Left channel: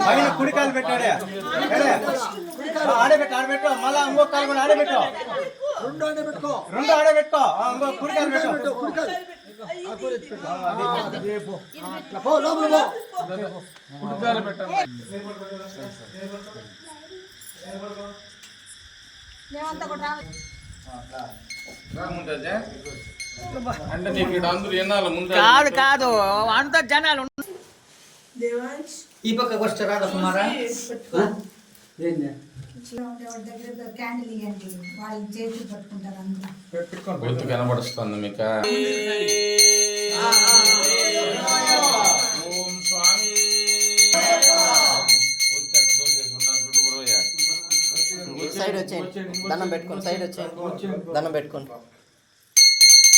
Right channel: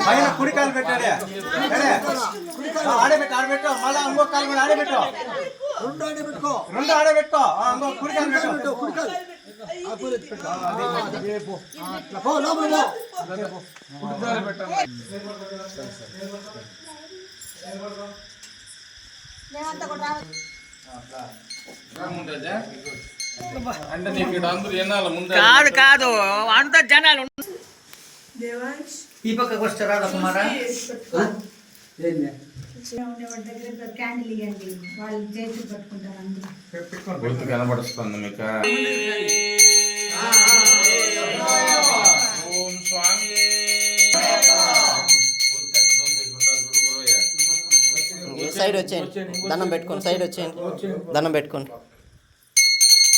పైన కుడి కాలు పెట్టాడే. సరే. ఆ, ఆడబెట్టు ఆడబెట్టు మళ్ళా ఇంకో కాలు కూడా ఆడబెట్టు రెండు ఆడబెట్టుకో ఆ, ఇంకో కుడి కాలు పెట్టు అంటే కాదు కాదు. అంత జనాలు ఈ పక్కకు వస్తే రాదా కుమారా కనబడుస్తుంది మీకు. సైడ్ వచ్చేయండి. దండం పెట్టుకోండి. సైడ్ వచ్చేయండి. దండం పెట్టుకోండి.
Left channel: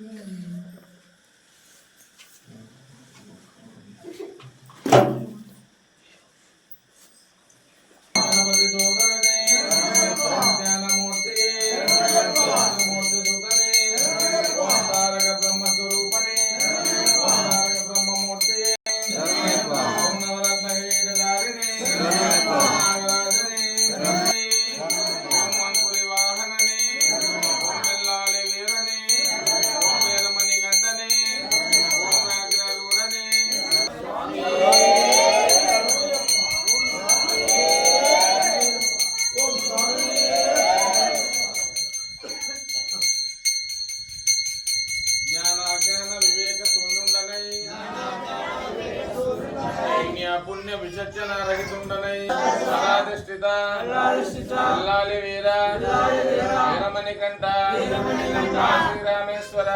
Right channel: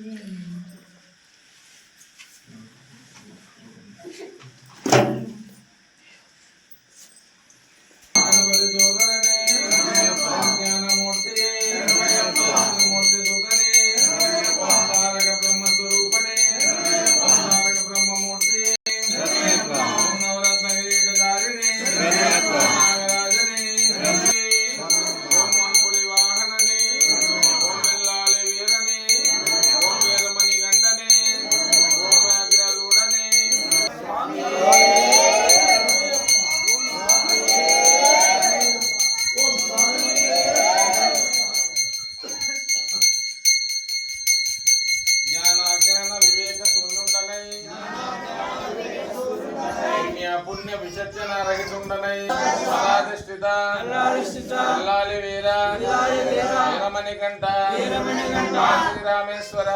Merhaba dedi oğlan. పుణ్య విచక్షణ రహితుండనై. పరాధిష్ఠిత అల్లాలి వీర. వీరమణి కంఠ శ్రీరామేశ్వర